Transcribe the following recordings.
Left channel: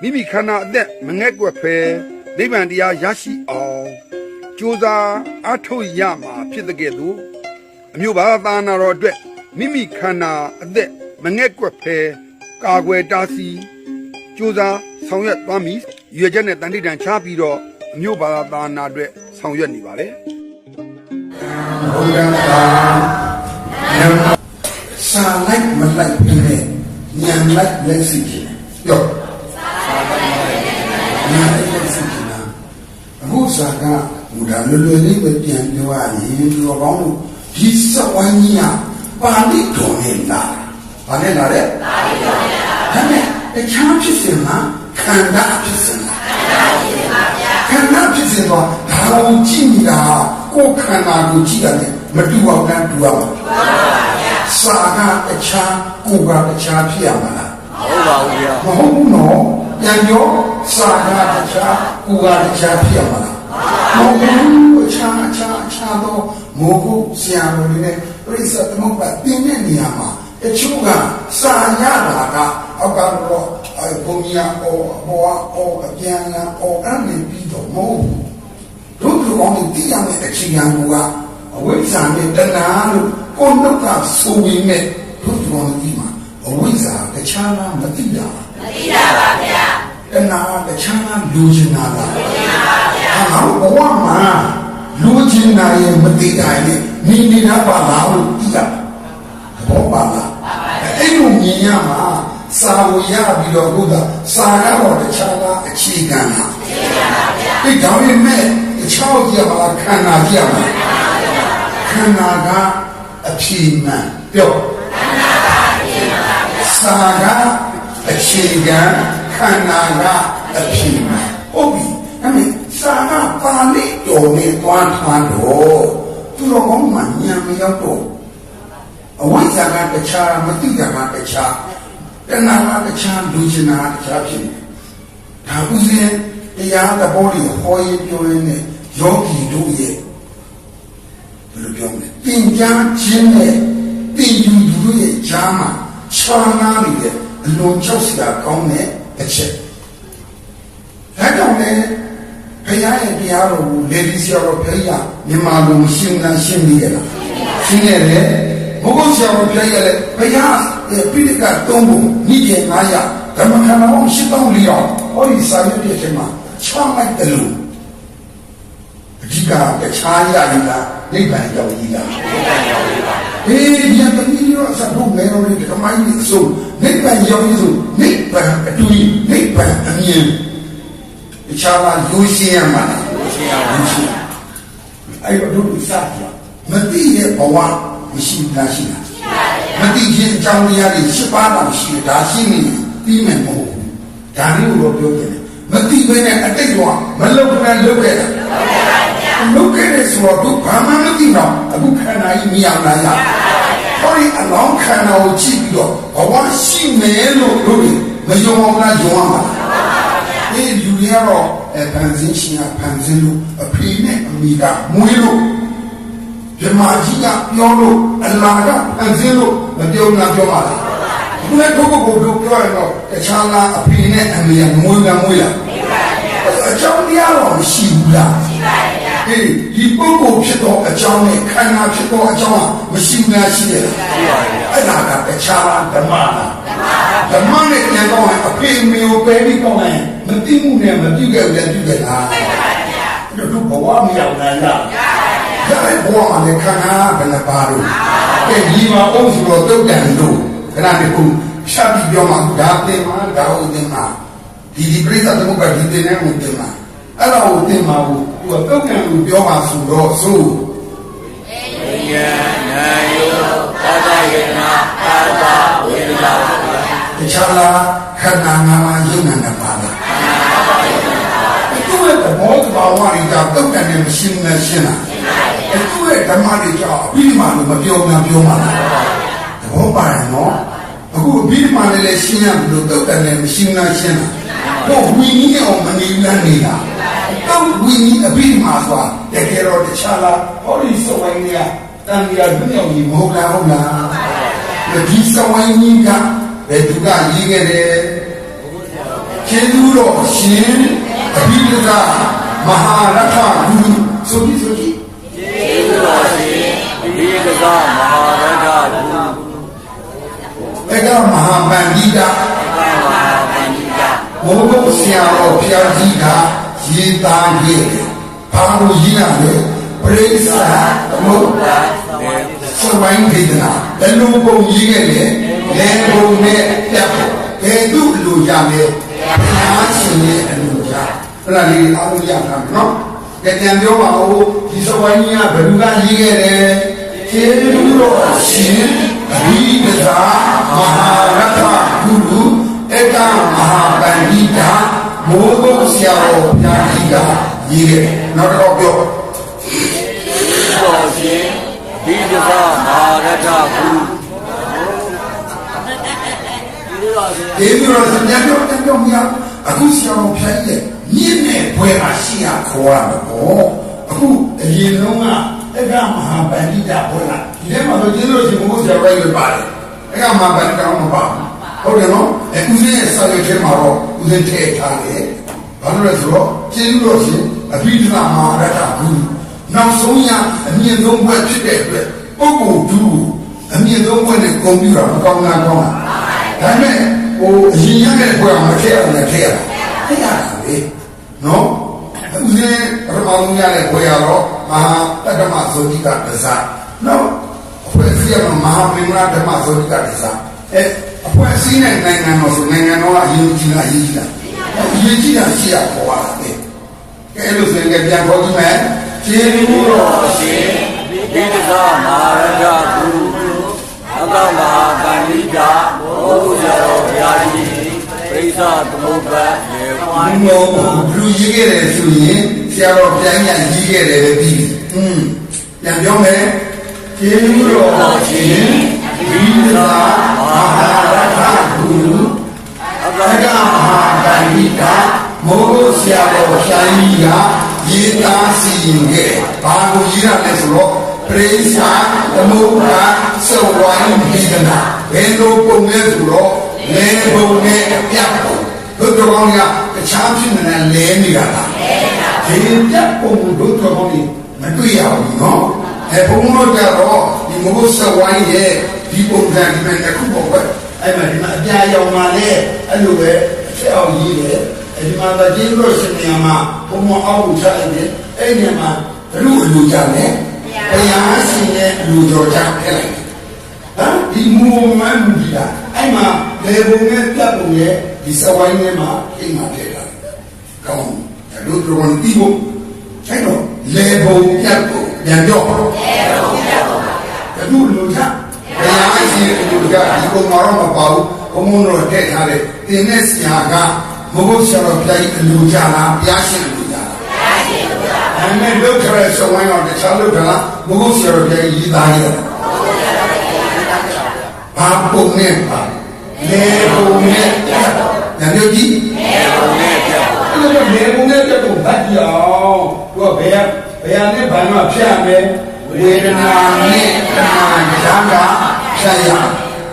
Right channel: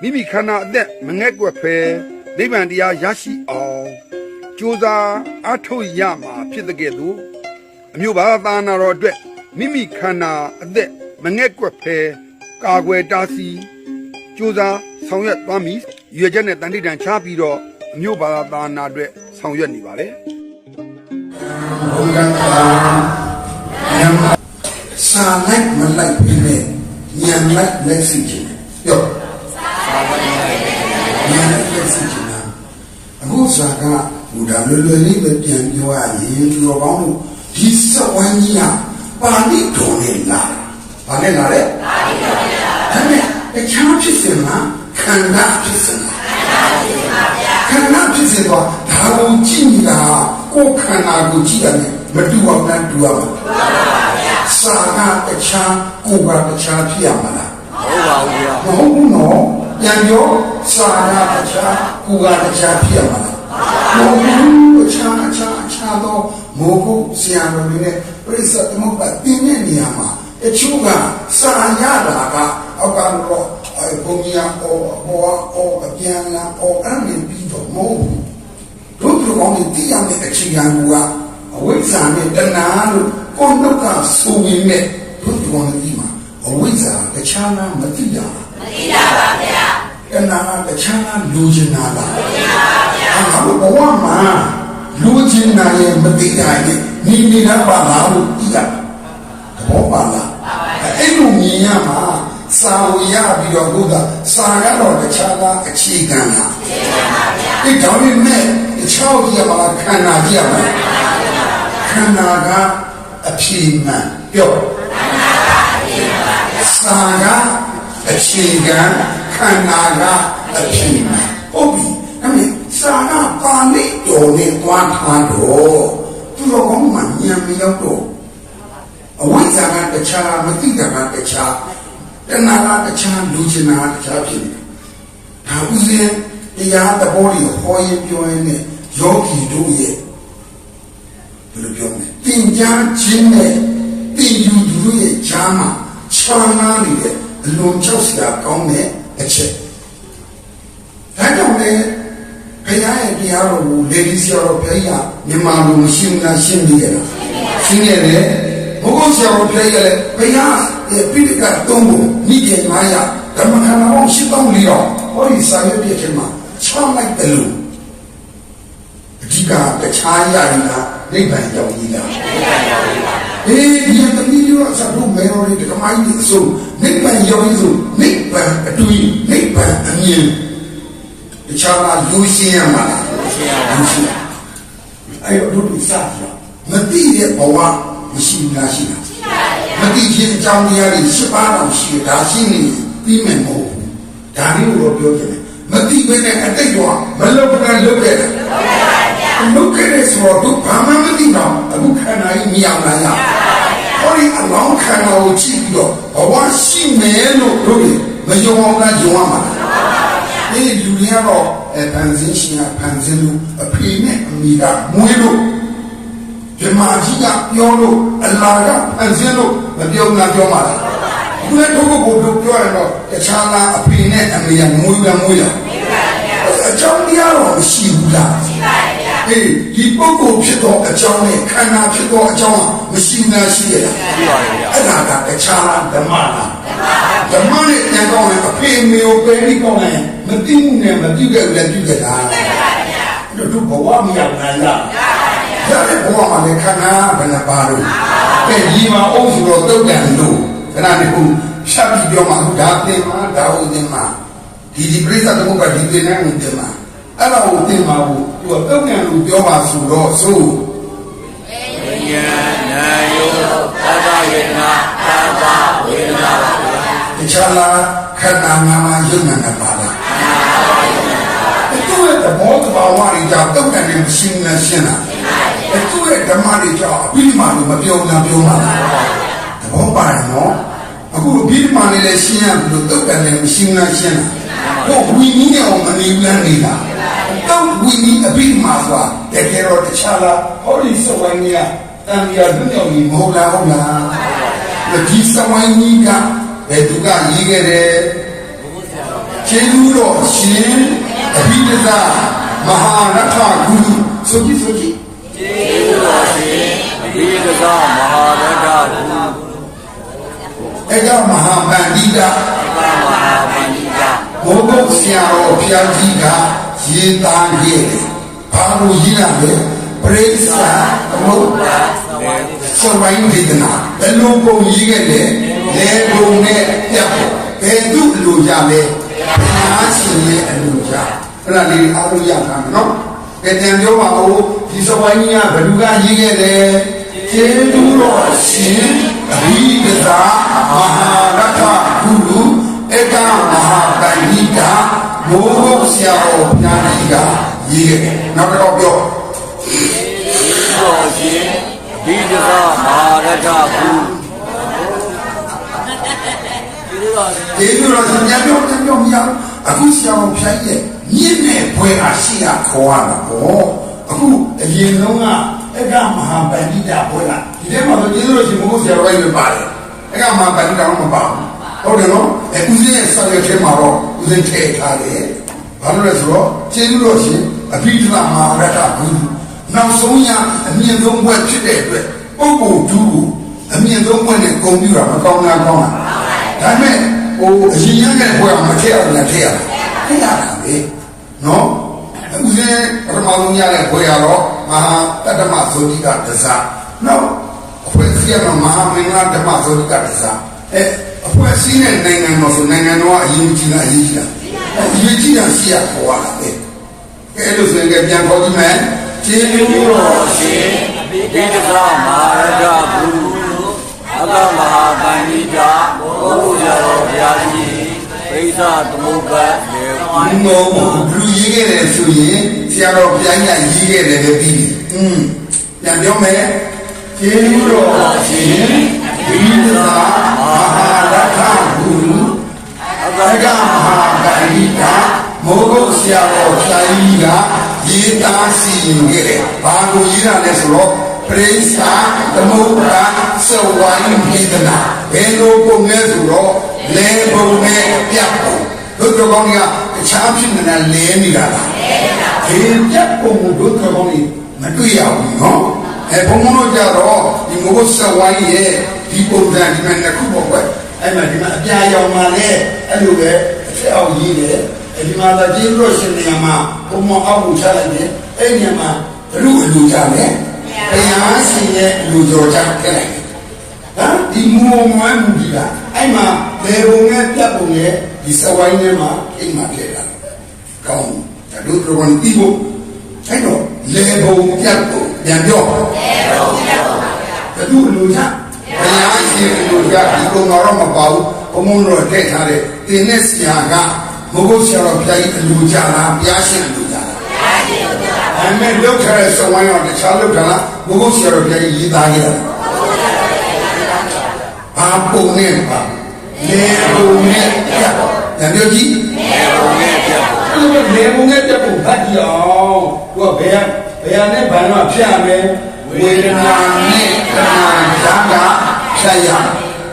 မိမိခန္ဓာအသက်မငဲ့ကွက်ဖဲနိဗ္ဗာန်တရားရရှိအောင်ကြိုးစားအားထုတ်ရမှာဖြစ်တဲ့ကဲ့သို့အမျိုးဘာသာနာတော်အတွက်မိမိခန္ဓာအသက်မငဲ့ကွက်ဖဲကာကွယ်တားဆီးကြိုးစားဆောင်ရွက်သွားမည်ရွေချက်နဲ့တန်တိတန်ချပြီးတော့အမျိုးဘာသာနာအတွက်ဆောင်ရွက်နေပါလေဘုရားသာစာလိုက်မလိုက်ပြီးနဲ့ညံလိုက်လက်စီချင်ပြောစာလိုက်မလိုက် ညံလိုက်လက်စီချင်တာအခုစာကဘုရားလွယ်လွယ်လေးပဲပြန်ပြောရရင်ဒီတော်ကောင်းလို့ဒီစဝိုင်းကြီးကပါဠိတော်နဲ့လာဘာနဲ့လာလဲပါဠိတော်နဲ့လာဒါနဲ့အချမ်းဖြစ်စင်မှာခန္ဓာဖြစ်စင်မှာခန္ဓာဖြစ်စင်တော့ဒါကိုကြည့်နေတာကိုယ်ခန္ဓာကိုကြည့်ရတယ်မတူအောင်တန်းတူရမှာစာကတခြားကိုယ်ကတခြားဖြစ်ရမှာလားဟုတ်ပါဘူးဗျာမဟုတ်ဘူးနော်ပြန်ပြော စာကတခြားကိုယ်ကတခြားဖြစ်ရမှာလားမဟုတ်ဘူးအခြားအခြားအခြားသောမိုးကုဆရာတော်တွေနဲ့ပြိဿသမုပ္ပါတင်းတဲ့နေရာမှာတချို့ကစာရတာကအောက်ကတော့အဲဘုံကြီးအော်ဘောအော်အပြန်လာအော်အဲ့ဒီပြီးတော့မဟုတ်ဘူးတို့ကကောင်းတဲ့တရားနဲ့အခြေခံကအဝိဇ္ဇာနဲ့တဏှာလို့ကိုယ်နှုတ်ကဆိုပေမဲ့တို့ကကောင်းတဲ့ဒီမှာအဝိဇ္ဇာတခြားလားမသိတာလားမသိတာပါဗျာ တဏှာတခြားလားလူချင်တာလားလူချင်တာပါဗျာငါတို့ဘဝမှာလူချင်တာရဲ့မသိတာရဲ့ညီနေတာပါလားလို့သိရဘောပါလားအဲ့လိုမြင်ရမှာစာလို့ရပြီးတော့ဘုရားစာရတော့တခြားလားအခြေခံလားအခြေခံပါဗျာဒီကြောင့်မဲ့တခြားကြီးရပါလားခန္ဓာကြီးရပါလားခန္ဓာကအဖြေမှန်ပြောစာကအဖြေ ခံခန္ဓာကအဖြေမှန်ဟုတ်ပြီအဲ့ဒီစာကပါဠိတော်နဲ့တွားထားတော့သူတော်ကောင်းမှဉာဏ်မရောက်တော့အဝိဇ္ဇာကတခြားမသိတာကတခြားတဏှာကတခြားလူချင်တာကတခြားဖြစ်နေတယ်ဒါဥစဉ်တရားသဘောကိုဟောရင်ပြောရင်နဲ့ယောဂီတို့ရဲ့ဘယ်လိုပြောမလဲတင်ကြားခြင်းနဲ့တင်ယူသူတို့ရဲ့ဈာမှာခြားနာနေတဲ့ အလွန်ချောက်စရာကောင်းတဲ့အချက်ဒါကြောင့်လည်းဘုရားရဲ့တရားတော်ကိုလေဒီဆရာတော်ဘုရားမြန်မာလူမရှင်းတာရှင်းနေရလားရှင်းနေတယ်ဘုရားဆရာတော်ဘုရားရဲ့ဘုရားရဲ့ပိဋကတ်သုံးပုံမိကျေ900ဓမ္မခန္ဓာအောင်ရှိပေါင်းပြီးတော့ဟောဒီစာရွက်ပြည့်ခြင်းမှာချောင်းလိုက်တယ်လို့အဓိကတခြားရရင်ကနိဗ္ဗာန်ရောက်ကြီးလားဒီကံရောက်ရေးပါအေးဒီကတ တိယဆရာတို့မဲတော်တွေဓမ္မကြီးအစုံနိဗ္ဗာန်ရောက်ကြီးဆိုနိဗ္ဗာန်အတူကြီးနိဗ္ဗာန်အမြင်တခြားမှာလူရှင်းရမှာလားရှင်းရပါလူရှင်းအဲ့တော့တို့စကြမသိတဲ့ဘဝမရှိဘူးလားရှိလားမသိခြင်းအကြောင်းတရားတွေရှင်းပါတော့ရှိတယ်ဒါရှိနေပြီးမယ်မဟုတ်ဘူးဒါမျိုးတော့ပြောချင်တယ်မသိဘဲနဲ့အတိတ်တော့မလုပ်ဘဲလုပ်ခဲ့တယ်လုပ်ခဲ့တယ်ဆိုတော့ဘာမှမသိတော့အခုခန္ဓာကြီးမြင်အောင်လာရ ဟောဒီအလောင်းခန္ဓာကိုကြည့်ပြီးတော့ဘဝရှိမယ်လို့တို့မယုံအောင်လားယုံအောင်လားဒီလူတွေကတော့အဲဗန်ဇင်းရှင်ကဗန်ဇင်းလို့အဖေနဲ့အမေကမွေးလို့ဓမ္မကြီးကပြောလို့အလာကဗန်ဇင်းလို့မပြောငါပြောပါလားဘုရားတို့ကိုတို့ပြောရတော့တခြားလားအဖေနဲ့အမေကမွေးကမွေးလားအကြောင်းတရားတော့မရှိဘူးလားရှိပါတယ် ဗျာအေးဒီပုဂ္ဂိုလ်ဖြစ်သောအကြောင်းနဲ့ခန္ဓာဖြစ်သောအကြောင်းကမရှိဘူးလားရှိရတယ်ရှိပါတယ်ဗျာအဲ့ဒါကတခြားလားဓမ္မလားဓမ္မနဲ့ဉာဏ်ကောင်းရင်အဖေမေကိုပဲပြီးကောင်းရင်မသိမှုနဲ့မပြုခဲ့ဘူးလည်းပြုခဲ့တာအဲ့တော့ဘဝမရောက်နိုင်လားရတဲ့ဘဝမှာလည်းခန္ဓာဘယ်နှပါလို့တဲ့ဒီမှာအုပ်စုတော့တုတ်တန်လို့ခဏတခုဖြတ်ပြီးပြောမှဒါသင်မှာဒါဟုတ်သင်မှာဒီဒီပြိဿသမုပ္ပါဒီသင်နဲ့ကိုသင်မှာ အဲ့တော့ကိုသင်မှာကိုသူကတုတ်တန်လို့ပြောပါဆိုတော့ဆိုဝိညာဉ်နာယောသာသယေနာသာသဝေဒနာပါဗျာတခြားလားခန္ဓာငါးပါးယုံနာနဲ့ပါလားခန္ဓာပါယုံတော်ဝါတွေကြောင့်တုတ်ကန်နဲ့မရှင်းနဲ့ရှင်းတာအဲသူ့ရဲ့ဓမ္မတွေကြောင့်အပြီးမှလို့မပြောဘူးပြောမှာသဘောပါနော်အခုအပြီးမှလည်းရှင်းရပြီလို့တုတ်ကန်နဲ့မရှင်းနဲ့ရှင်းတာ တော့ဝီနည်းနဲ့အောင်မနေပြန်နေတာတော့ဝီနည်းအပြီးမှဆိုတာတကယ်တော့တခြားလားဟောဒီစဝိုင်းကြီးတန်ပြာဒုညောင်ကြီးမဟုတ်လားဟုတ်လားဒီစဝိုင်းကြီးကဘယ်သူကရေးခဲ့တယ်ကျေးဇူးတော်ရှင်အဘိဓမ္မမဟာရထဂုရုဆိုပြီးဆိုပြီးကျေးဇူးတော်ရှင်အဘိဓဇမဟာရတ္တကုအဲ့ဒါမဟာပန္တိတာသမဟာပန္တိတာ ဘုဘုဆရာတော်ဘုရားကြီးကရေးသားခဲ့တယ်။ဘာလို့ရေးရလဲပရိစ္ဆာသမုပ္ပါလေစဝိုင်းဒေသနာဘယ်လိုပုံရေးခဲ့လဲလေဘုံနဲ့ပြတ်ဖို့ဘယ်သူ့လူကြလဲဘုရားရှင်ရဲ့အလူကြအဲ့ဒါလေးအားလုံးရမှာနော်ကြံပြန်ပြောပါဦးဒီစဝိုင်းကြီးကဘယ်သူကရေးခဲ့လဲကျေးဇူးတော်ရှင်ဒီပဇာမဟာရတ္ထဂုရု ဧကမဟာပန္တိတာမိုးဘုဆရာတော်ဘုရားကြီးကရေးခဲ့တယ်နောက်တော့ပြောကျေးဇူးတော်ရှင်အဘိဓဇမဟာရတ္တကုဒီလိုတော့ပြန်ပြောပြန်ပြောမရအခုဆရာတော်ဖျက်ရဲ့မြင့်နဲ့ဘွယ်အားရှိရခေါ်ရတယ်ပေါ့အခုအရင်တော့ကအကမဟာပန္တိတာဘွယ်လားဒီထဲမှာဆိုကျေးဇူးတော်ရှင်ဘုရားဆရာပဲလို့ပါတယ်အကမဟာပန္တိတာမပါဘူး ဟုတ်တယ်နော်အဲဦးဇင်းရဲ့စာရွက်ထဲမှာတော့ဦးဇင်းထည့်ထားတယ်ဘာလို့လဲဆိုတော့ကျေးဇူးတော်ရှင်အဘိဓမ္မာမဟာရတ္တဘူးနောက်ဆုံးရအမြင့်ဆုံးဘွယ်ဖြစ်တဲ့အတွက်ပုဂ္ဂိုလ်ဒုအမြင့်ဆုံးဘွယ်နဲ့ဂုဏ်ပြုတာမကောင်းလားကောင်းလားဒါနဲ့ဟိုအရင်ရတဲ့ဘွယ်မှာထည့်ရမယ်ထည့်ရထည့်ရတာလေနော်ဦးဇင်းပထမဆုံးရတဲ့ဘွယ်ရတော့မဟာတတ္တမဇောတိကတစားနော်အဖွဲ့အစည်းကမဟာမင်းသားဓမ္မဇောတိကတစားအဲအ ဖွဲ့အစည်းနဲ့နိုင်ငံမှာဆိုနိုင်ငံတော်ကအရင်ကြီးလားအရင်ကြီးလားအရင်ကြီးတာရှိရပေါ်လာတယ်ကဲလို့ဆိုရင်ပြန်ခေါ်ကြည့်မယ်ကျေးဇူးတော်ရှင်အဘိဓဇမဟာရတ္တကုအကမဟာပန္တိတာဘုရားတော်ဘုရားကြီးပရိစ္ဆသမုပ္ပါလေဘုံဘုံဘလူရေးခဲ့တယ်ဆိုရင်ဆရာတော်ပြိုင်ညာရေးခဲ့တယ်လည်းပြီးပြီ။อืมပြန်ပြောမယ်။ကျေးဇူးတော်ရှင်ဝိသာမဟာရထဂုရု အကအကမဟာပန္တိတာမိုးကုတ်ဆရာတော်ဖြာကြီးကရေးသားစီရင်ခဲ့တယ်။ဘာကိုရေးရလဲဆိုတော့ပရိစ္ဆာသမုပ္ပါစဝိုင်းပိဒနာဘယ်လိုပုံလဲဆိုတော့လေဘုံနဲ့ပြတ်ပုံတို့တော်ကောင်းကတခြားဖြစ်နေတယ်လဲနေတာလားလဲနေတာဒီပြတ်ပုံကိုတို့တော်ကောင်းကြီးမတွေ့ရဘူးနော်အဲဘုံဘုံတို့ကြတော့ဒီဘုံစဝိုင်းရဲ့ဒီပုံစံဒီမှာတစ်ခုပေါ့ကွ အဲ့မှာဒီမှာအပြာရောင်มาလဲအဲ့လိုပဲအချက်အောင်ရေးတယ်အဲဒီမှာတော့ကျေးဇူးရှင်နေရာမှာဘုံမအောက်ကိုချလိုက်တယ်အဲ့ဒီမှာဘလူအလူကြတယ်တရားရှင်ရဲ့အလူကြောကြခဲ့လိုက်ဟမ်ဒီမူမွမ်းမှုကြီးကအဲ့မှာလေဘုံနဲ့ပြတ်ပုံရဲ့ဒီစဝိုင်းထဲမှာအိမ်မှာထည့်တာကောင်းတယ်တို့တို့ဝန်တီးဖို့အဲ့တော့လေဘုံပြတ်ပုံပြန်ပြောလေဘုံပြတ်ပုံဘလူလူကြတ ရားရှင်အလူကြဒီပုံတော့မပါဘူးဘုံမုံတော့ထည့်ထားတယ်တင်တဲ့ဆရာကမဟုတ်ဆရာတော်ပြိုင်အလူကြလားဘုရားရှင်အလူကြလားအမေလောက်ထားတဲ့စဝိုင်းရောတခြားလောက်ထားလားဘုဘဆရာတော်ပြန်ရေးသားခဲ့တာဘာပုံနဲ့ပါလေပုံနဲ့ပြတ်ညညကြီးလေဘုံနဲ့ပြတ်ဖို့အဲ့လိုလေပုံနဲ့ပြတ်ပုံဗတ်ကြည့်အောင်သူကဘယ်ဘယ်နဲ့ဘာလို့ဖြတ်မယ်ဝေဒနာနဲ့တဏှာဇာက ဖြတ်ရ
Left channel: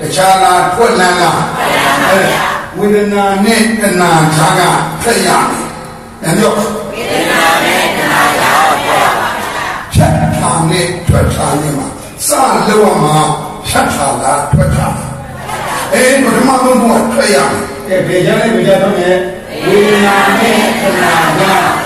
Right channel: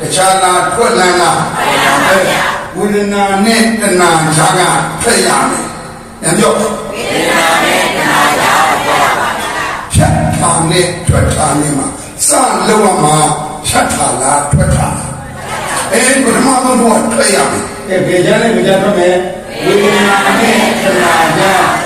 တခြားလားထွက်လန်းလားဝေဒနာနဲ့တဏှာဇာကဖြတ်ရမယ်ညညဝေဒနာနဲ့ခန္ဓာသာတော့ဖြတ်ထားနဲ့ထွက်ထားနဲ့မှာစလောက်ရမှာဖြတ်ထားလားထွက်ထားလားအဲပထမဆုံးတော့ထွက်ရမယ်အဲဘယ်ကြလဲဘယ်ကြတော့မယ်ဝေဒနာနဲ့ခန္ဓာများ